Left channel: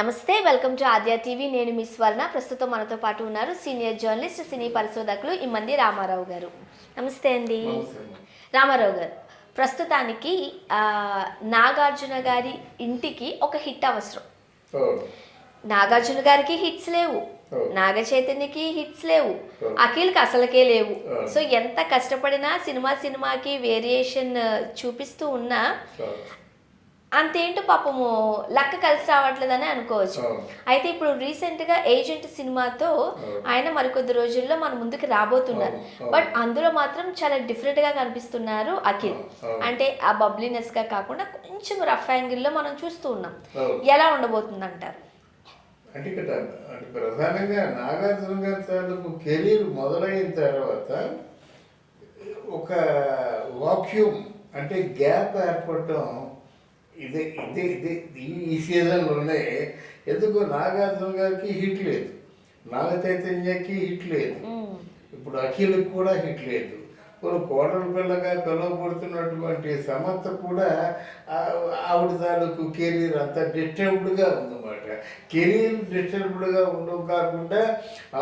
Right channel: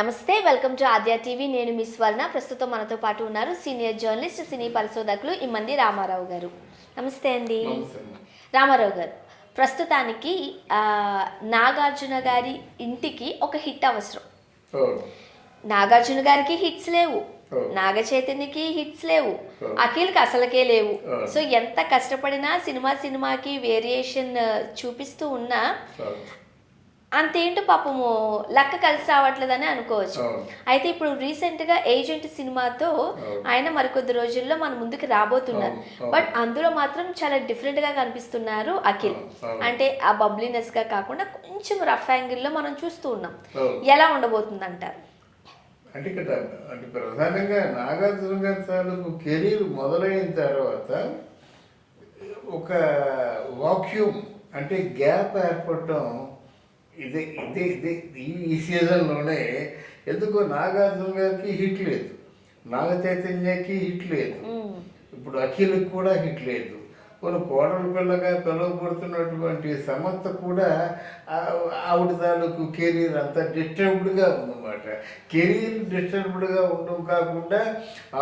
నమస్తే, welcome to Aadya TV. నేను మీ స్వర్ణ. ప్రస్తుతం మనతో పాటు ఉన్నారు సీనియర్ జర్నలిస్ట్, సినీ పరిశోధకులు ఇమ్మంది రామారావు గారు. నమస్తే అండి. రామారావు గారు, ప్రస్తుతానికి నాగార్జున గారి ఇంటికి ఒక హిట్ అవసరం. నాగార్జున గారికి హిట్స్ లేవు, నాగ చైతన్యకి హిట్స్ లేవు, అఖిల్కి అసలుకే లేవు. సో ఎంత కష్టపడినా సినిమాకి వేరియేషన్ చూపిస్తూ ఉన్నా అంతేంటో పాపము లక్క కలిసి రావట్లేదని అనుకోవచ్చు. అయితే ఇప్పుడు రీసెంట్ గా ఏజెంట్ సినిమాతో ఆయన మరికొద్ది రోజుల్లో మన ముందుకు రాబోతున్నారు. బట్ అందులో మాత్రం చాలా డిఫరెంట్ గా కనిపిస్తున్నారు అఖిల్. అంటే ఆ బబ్లీనెస్ గా కాకుండా కొంచెం రఫ్ యాంగిల్ లో మనం చూస్తూ ఉన్నాం. ఎలా ఉండబోతుంది అంటారు? అంటే ఇక్కడ అంటే ప్రధానంగా నాగార్జున గారి తాలూకు కెరీర్ మొదలైన తర్వాత ఒక వాక్యూమ్ అంటే గ్యాప్ ఏర్పడటం ఇదే ఇదే ఇదే ఈ సీజన్లోనే. ఎందుకో నాగార్జున గారికి హిట్ లేదు, నాగ చైతన్యకి హిట్ లేదు, ఇప్పుడు అఖిల్కి కూడా హిట్ లేదు. కొన్ని కోడల పిల్లగా పిలువబడుతున్నటువంటి సమంత కూడా ఆవిడ తాలూకు కెరీర్ అంతా డిస్టర్బ్డ్గా ఉందన్నమాట. కెరీర్ డిస్టర్బ్డ్గా ఉండడం కాకుండా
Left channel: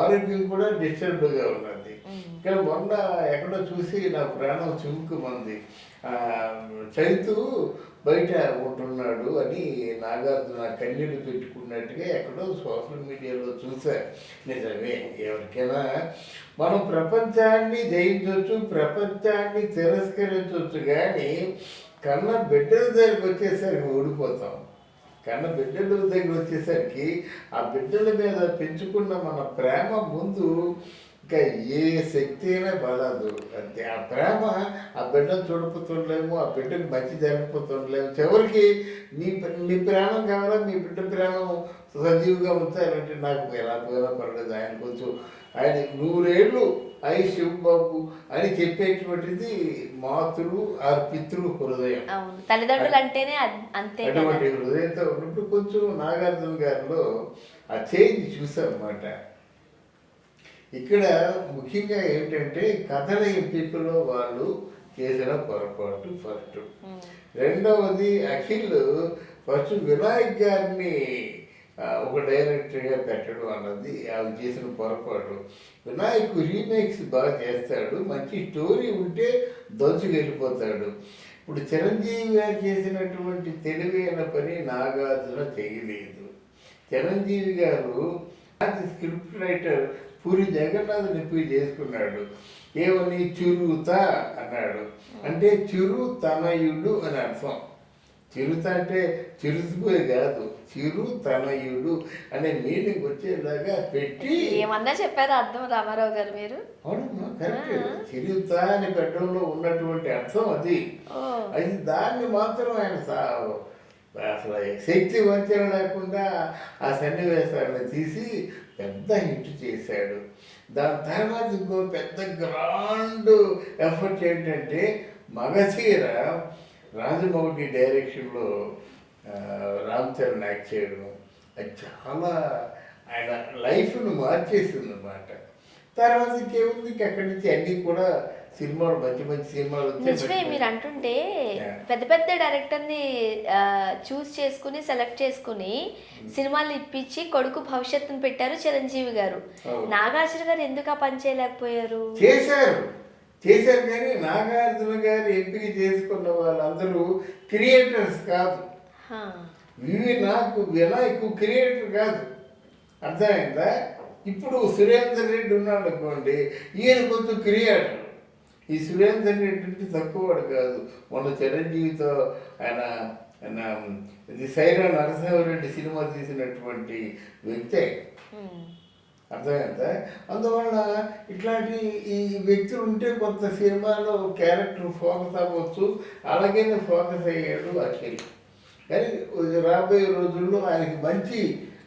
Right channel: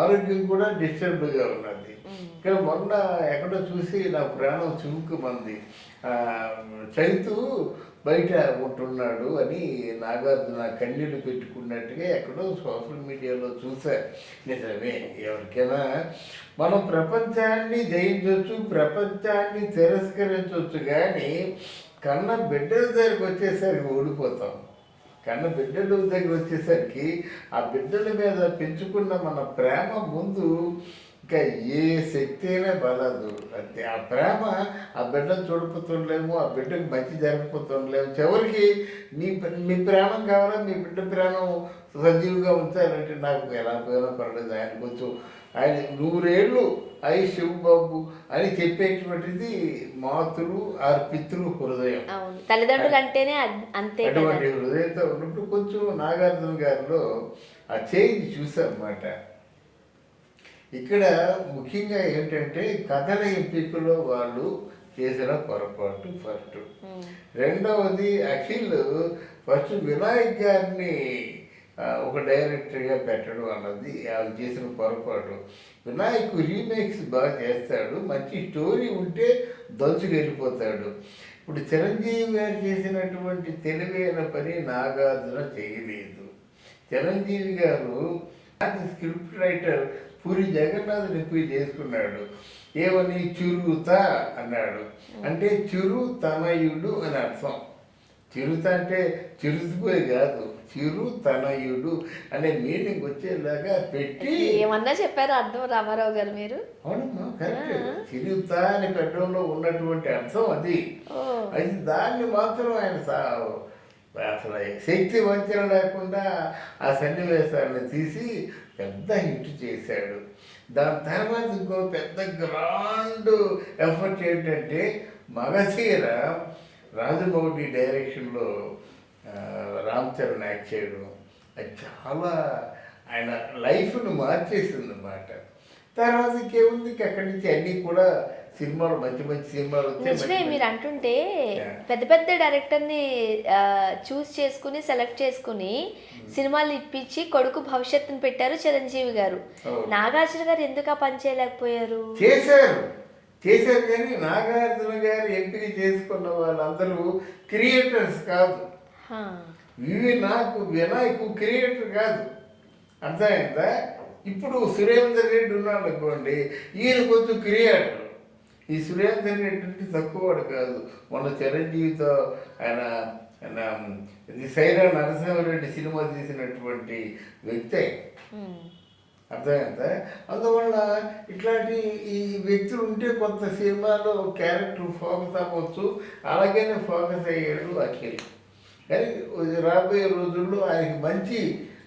ఆరోగ్యం కూడా డిస్టర్బ్డ్గా ఉన్నది. ఇక్కడ మొన్న ఎక్కడో చూసి నా ప్రాణం చివుక్కుమంది. చైతు బయట ఉంటున్నాడు అని నాగార్జున కన్నీళ్ళు పెట్టుకున్నట్టుగా ఎక్కడో సోషల్ మీడియాలో చూసా. నిజమే, ఎవరికైనా మనం ప్రపంచాన్ని జయించవచ్చు, ప్రపంచాన్ని తిరస్కరించవచ్చు, కానీ కన్న బిడ్డల దగ్గరికి వచ్చేసరికి ఓడిపోతాం. కన్న బిడ్డల దగ్గర వచ్చేసరికి ఆ బిడ్డల మీద పెంచుకున్న మన ప్రేమ ముందు ఇంకా ఏ శక్తి అయినా బలదు. అంతే, ఆ ప్రేమ ఆ బిడ్డను చూడిపోతుండలేము, ఆ బిడ్డకు మంచి జరిగిపోతుండలేము. చివరికి మీ ప్రేమం కావాలా, మీ బిడ్డ ప్రేమం సజీవుగా ఉంచాలంటే నాకు ఎలా పోయినా పర్లేదు, ఆయన కొంచెం ఆయన 100 ఏళ్ళు అయి శివబాబు అని చెప్పేటువంటిది మాతృ ఆ పితృ హృదయం. అటువంటి హృదయంతో ఉన్నప్పుడు కొంచెం నాగార్జున గారిలో ఆ చేంజ్ చూసారన్నమాట. ఇక్కడ ముఖ్యంగా ఏంటంటే కథల ఎంపికలో వాళ్ళు చేసిన పొరపాటు ఫస్ట్. రెండవది అఖిల్ ఫస్ట్ వినాయక్ గారిని ఒక డైరెక్టర్గా పెట్టడం అన్నది వాళ్ళు చేసిన పొరపాటు. వినాయక్ రీమేక్స్ బాగా చేస్తాడు, మంచి స్టోరీ ఉంటే దంచుకెళ్ళిపోతాడు. ఇప్పుడు చిరంజీవి గారు చేసినటువంటి తెలివైన పని నాగార్జున చేయలేదు. చిరంజీవి గారు స్క్రిప్ట్ రైటర్ పూరి జగన్నాథ్ రిపీ చేసుకున్నాడు. ఏమని చిరుత అన్నాడు, అంటే చిరు తనయుడు అని అర్థం. చిరుత అంటే చిరుతుపోయి కాదు, చిరు తనయుడు అనే మీనింగ్ వచ్చేలాగా పెట్టి అవునమ్మా, కరెక్ట్. చిరుత అని పెట్టడంలో ఉన్నటువంటి అర్థం అది. దాన్ని మాత్రం ఆయన అసలు శక్తి వంచన లేకుండా ఆ సన్నివేశాలను తీసి పెద్ద హిట్ చేశాడు. దాని తర్వాత ఇంకో పెద్ద గ్రాండ్ ఎఫర్ట్ ఏంటంటే మగధీర రాజమౌళి డైరెక్షన్లో రామ్ చరణ్ యాక్ట్ చేయడం. అది చాలా ఆయన లైఫ్ను మార్చేసింది అన్నమాట. తర్వాత ఇంకేముంది, అక్కడి నుంచి అన్నీ కూడా సినిమాలు మంచి మంచి సినిమాలు వచ్చాయి. మీరు అంటుంటే పెద్ద పెద్ద డైరెక్టర్ ని చూస్ చేసుకుని సెలెక్ట్ చేసుకుని సినిమాలు ఇప్పించి కొడుకు భవిష్యత్తును పెట్టారు చిరంజీవి గారు. నాగార్జున గారు ఎందుకు ఆ పని చేయలేకపోయారు? చేశారు కానీ నాగార్జున గారు ఎంపిక చేసుకున్న వాళ్ళందరూ క్రియేటర్స్ కాదు. నాకు వినాయకు క్రియేటర్ కాదు, అర్థమైందా? ఇప్పుడు సురేందర్ రెడ్డి ఉన్నాడు అనుకోండి, ఈయన కొంచెం క్రియేటర్. ఈ సురేందర్ రెడ్డి తక్కువవాడు కాదు. మొన్న చిరంజీవితో ఆయన సైరా నరసింహారెడ్డి సినిమా తీసినటువంటి వ్యక్తి, అర్థమైందా? అందువల్ల ఇట్లాంటి ఈ వ్యక్తులు ఉంటే కొంత సినిమాలో క్యారెక్టర్ ఫోకస్ అవ్వచ్చు. అలాగనే ఫోకస్ అయ్యాడు అఖిల్. కానీ రాబోయే రోజుల్లో ఆయనకి మంచి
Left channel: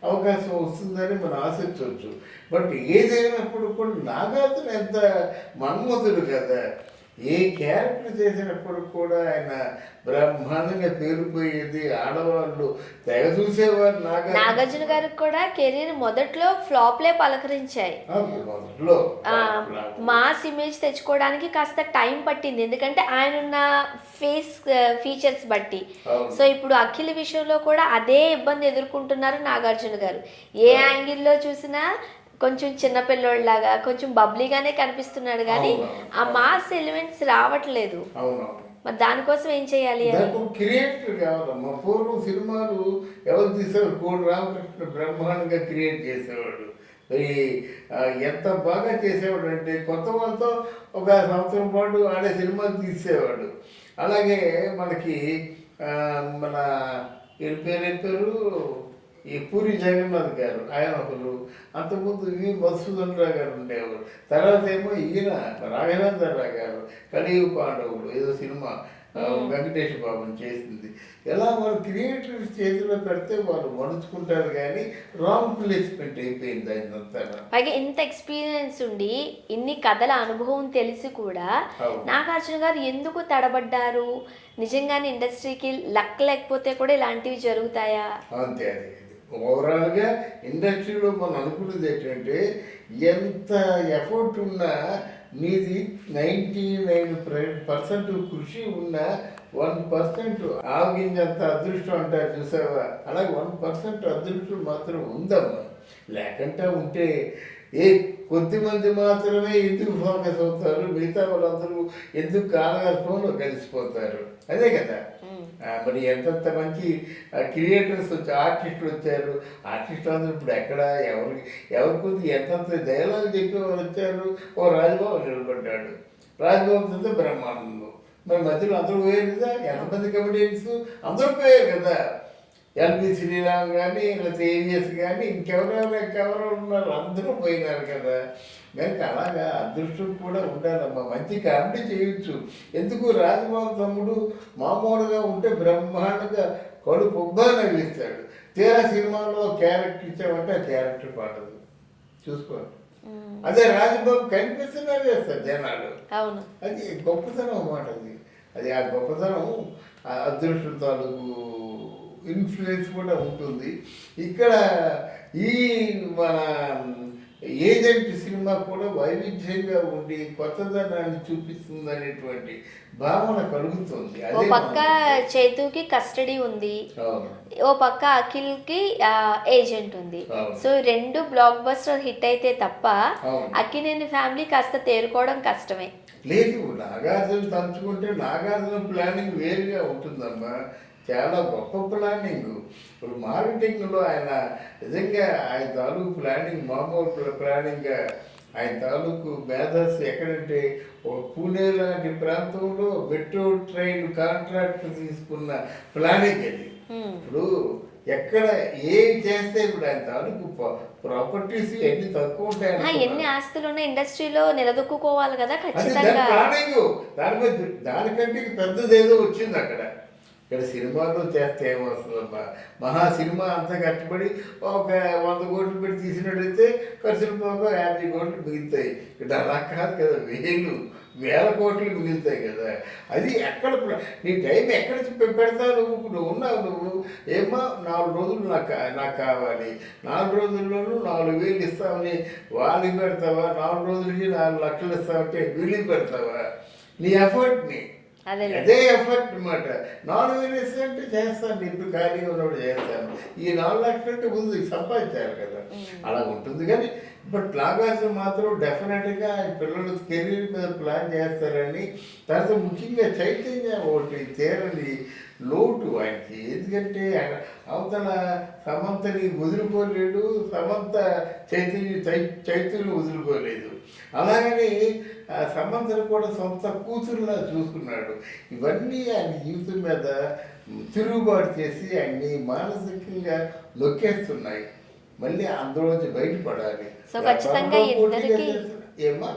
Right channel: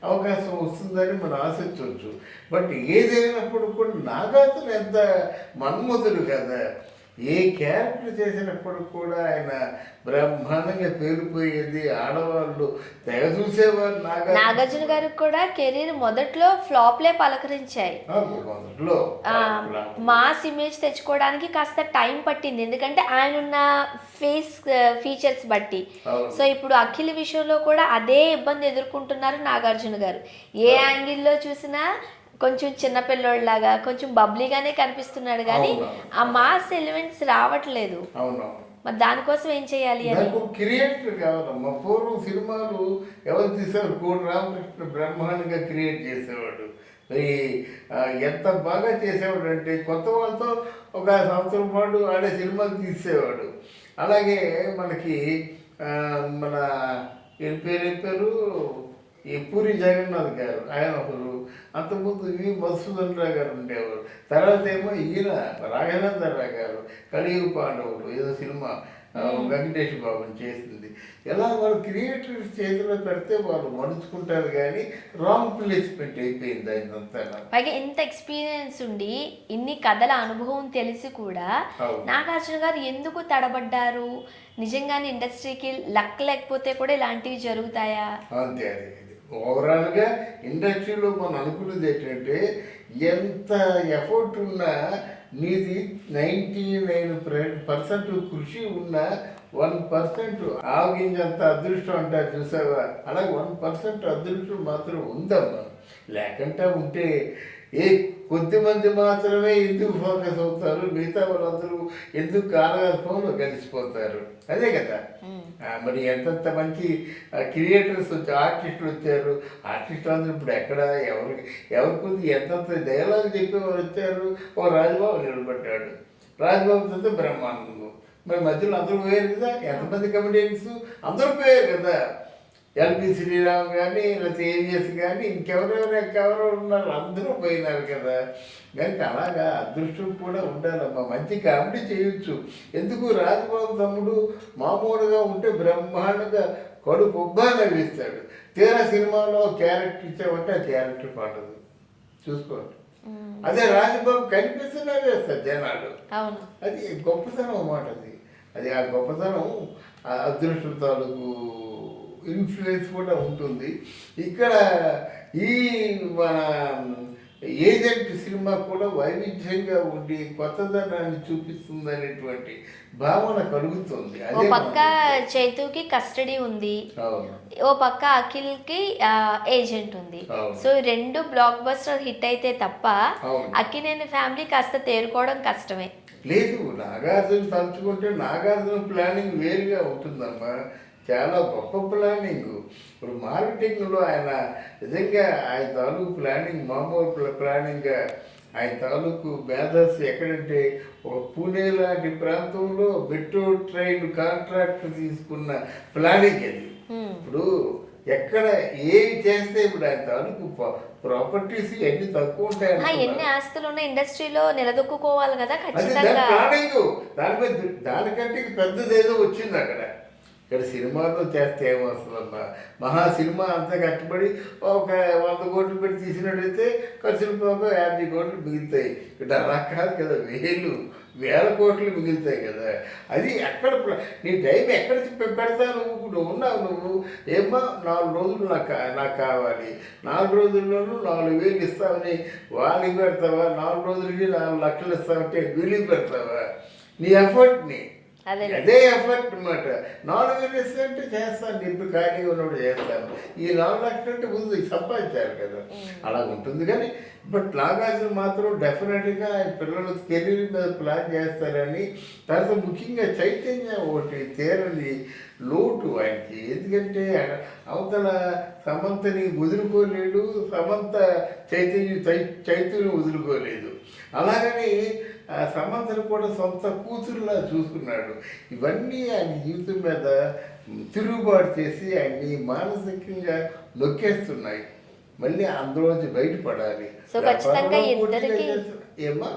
అవకాశం వస్తుందని మనం ఆశించవచ్చు. బట్ ఏదైనప్పుడు కూడా నాగార్జున ఎంత మన్మధుడు కదా, ఏ క్యారెక్టర్ చేసినప్పుడు కూడా ఆయన బ్రహ్మాండంగా పేరుపోయేది. ఆడవాళ్ళు తెగ చూసేవారు నాగార్జున గారికి కూడా కెరీర్ మొదట్లో ఫ్లాప్లే పలకరించాయి. మాస్ ఇమేజ్ తెచ్చుకోవడానికి కాస్త టైం పట్టింది. ఎందుకంటే ఆయన ఫేస్ ఫీచర్స్ బట్టి. అవును. సో ఇప్పుడు అఖిల్ విషయంలో కూడా అదే ఇబ్బంది ఎదుర్కొంటున్నారు నాగార్జున గారు. ఏ యాంగిల్లో చూసినా కొంచెం చిన్నపిల్లలాగా కొంచెం బబ్లీగానే కనిపిస్తున్నాడు కానీ ఆ మాస్ ఎలిమెంట్స్ రావట్లేదు. అవునవును. మరి దానికోసం ఏం చేయాలి? దానికి క్రియేటర్ కావాలమ్మా. పూర్వం సినిమాలు ఎవరు తీసేవారు? కోడి రామకృష్ణ బ్రహ్మాండంగా క్రియేట్ చేసేవాడు. ఎంత బాగా చేసేవాడు అంటే కొత్త వాళ్ళతో ఒక సంవత్సరం పాటు ఆడే సినిమాలు తీసేవాడు. అలాగే మనకి మన పేరు ఈ పూరి జగన్నాథ్ గారు, ఆయన ఒకరు. అంతకుముందు ఈ మధుసూదన్ రావు గారు ఉండేవారు. తర్వాత ఏమో ఈయన రాఘవేంద్ర రావు గారు కలియుగ పాండవులు ఏదో సినిమా వెంకటేష్ బాబుని చేసింది. ఎలా వాళ్ళు క్రియేటర్స్ చేతిలో పెడితే వాళ్ళు మలుచుకుంటారు కానీ రాంగ్ ప్లేస్మెంట్ అయిపోయింది ఆయనంతా. ఇంత ఎక్స్పీరియన్స్ ఉండి ఇన్ని కథల అనుభవం తెలిసి కూడా నాగార్జున గారు ఎందుకు తడబడ్డారు? నిజంగానే ఇండస్ట్రీకి లక్ లేకపోతే కూడా ఇలాంటివి జరుగుతాయా? అంతే. అది ఓవరాల్గా ఇండస్ట్రీలో మనం అనుకున్నది ఏంటంటే ఎంత ఎఫర్ట్ ఉన్నా నీది 99% కృషి ఉన్న 1% ఆవగింజంత అదృష్టం అంటారు చూసావా? అలాగే 1% అదృష్టం మాత్రం ఉందమ్మా. లేకంటే ఉంటే కొద్ది మంది మాత్రమే ఎందుకు ఫోకస్ అవుతారు? మిగతా వాళ్ళందరూ ఎందుకు కాలగర్భంలో కలిసిపోతారు? అదే కదా. మరి ఎంతంత మంచి క్రియేటర్స్ వచ్చి ఆర్టిస్టులు వచ్చారు. ఆర్టిస్టులు అందరూ ఇప్పుడు ఎక్కడ ఎవరికి ఎంతంత డైలాగ్ చెప్పేవారు వచ్చారు. ఓ రాజబాబు నిలబడ్డాడు. రాజబాబుతో బ్రహ్మానందం. మరి మధ్యలో అందరూ పోయారు కదా. ఎంతమంది కమెడియన్స్ అందరూ పోయారు కదా. ఎల్బి శ్రీరామ్ కానీ లేకపోతే ఏవిఎస్ కానీ ఇంకెవరెవరు ఉన్నారు? అందరూ పోయినారు కదా. కనుక అలాగా అదృష్టం కూడా ఉండాలమ్మా. మంచి కామెడీ చేయొచ్చు. ఎందుకు? రాజబాబు తమ్ముడు మామూలుగా ఉంటే బ్రహ్మాండంగా కడుపు ఉబ్బా నవ్విస్తాడు. తీరా సినిమాలో క్యారెక్టర్ ఇచ్చామంటే ఆ క్యారెక్టర్ పాడదు. చూసుకోండి. అదే రాజబాబు కనిపిస్తున్నా వేస్తారు జనాలు. అది గొప్పతనం అన్నమాట. అది ఆ గొప్పతనం అదృష్టం తాలూకు ఇన్ఫ్లుయెన్స్ కూడా ఉంటుంది. ఇక్కడ ఈ మన ఏజెంట్ సినిమా కూడా వైవిధ్యంగా ఉండి కొత్తదనాన్ని చూపిస్తుంది అనేటువంటి భావన కలుగుతుంది. అదే చేతుకి కస్టడీ ఉంది, ఓ పక్క అఖిల్ కి ఏజెంట్ ఉంది. సో రెండు బ్లాక్ బస్టర్ హిట్ అయితే తప్ప అఖిల్ ఫ్యామిలీ కాస్త తేరుకోవడం కష్టమే. లేదు, నాగార్జున తలుచుకుంటే నాగార్జున ప్లానింగ్ వేరుగా ఉంటుందమ్మా. చాలా గొప్ప ప్లానింగ్. ఇప్పుడు మార్కెటింగ్లో ఆయన నిజంగా ఆయన తాలూకు ప్లానింగ్ మామూలు ప్లానింగ్. ఆయన తాలూకు మేధస్ ఎక్కడంటే ఒక పూణే లాంటి ప్రాంతంలో మెట్రో ట్రైన్ కాంట్రాక్ట్ తీసుకున్న ప్లానింగ్ అది. ఇప్పుడు ఎక్కడ ఏం చేస్తే ఇప్పుడు ఆయన తాలూకు ప్రాపర్టీస్ ఎన్ని తక్కువ ఉంటాయి అనుకున్నారు. అది దాని ప్లానింగ్. దానికంటే పెద్దది ఏదో వచ్చింది అక్కడ. ఇక్కడ సినిమాలో చేస్తే ఏమొస్తుందమ్మా? మహా సినిమా అంతా కట్టుబడి ఒక 100 కోట్లు పెట్టి తీసినట్టయితే ఖర్చులు పోక 50 కోట్లు మిగులుతాయి. ఇక్కడ అలా కాదు కదా. వేల కోట్లు మిగులుతాయి కదా. అది ఎక్కడ నీ టైం ఎక్కడ పెడతావు? నువ్వు ఉన్నావు. నువ్వు ఏమో 4 రోజులు నాకు కావాలి, 4 రోజుల్లోనూ 4,000 ఇస్తామని వాళ్ళకి పెడతావా? 4 రోజులకి 4 లక్షలు ఇస్తామంటే వీళ్ళకి పెడతావా? నీ ఎఫర్ట్ని. అదే ఎఫర్ట్ అనమాట. 4,000 ఇస్తుంటే చేస్తాను, ఇప్పుడు ఖాళీగా ఉన్నప్పుడు చేస్తాను. ఈ 4 లక్షలు అంటే ముందు సంపాదించారు కదా. అలా ఉంటుంది. కానీ బట్ నాగార్జున మాత్రం డెఫినెట్గా ఆయన పిల్లల కెరీర్ మీద ప్లాన్ చేస్తారని. తర్వాత ముఖ్యంగా చైతన్య ఒకటి తీరని లోటు ఆయనకి. ఎందుకంటే అవతల సమంతని వదులుకోలేడు, సమంత చైతన్యం వదులుకోలేదు. అలాగని సమంతను కూడా సొంత కూతురులా చూసుకున్నాడు. ఇవన్నీ ఆయన జీవితం మీద తిరుగుబాటు చేసి ఆయన్ని మానసికంగా నొక్కేస్తున్నాయి. మళ్ళీ అందులోంచి బయటపడాలి. వ్యాపారంలో పోటీగా చేస్తున్నా ఏమా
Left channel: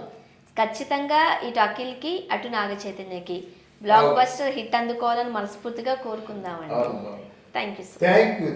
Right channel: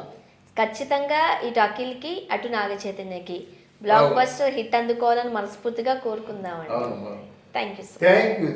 ఖచ్చితంగా ఇటు అఖిల్కి అటు నాగ చైతన్యకి బ్లాక్ బస్టర్ హిట్ అందుకోవాలని మనస్ఫూర్తిగా కోరుకుందాం. అవును. Thank you.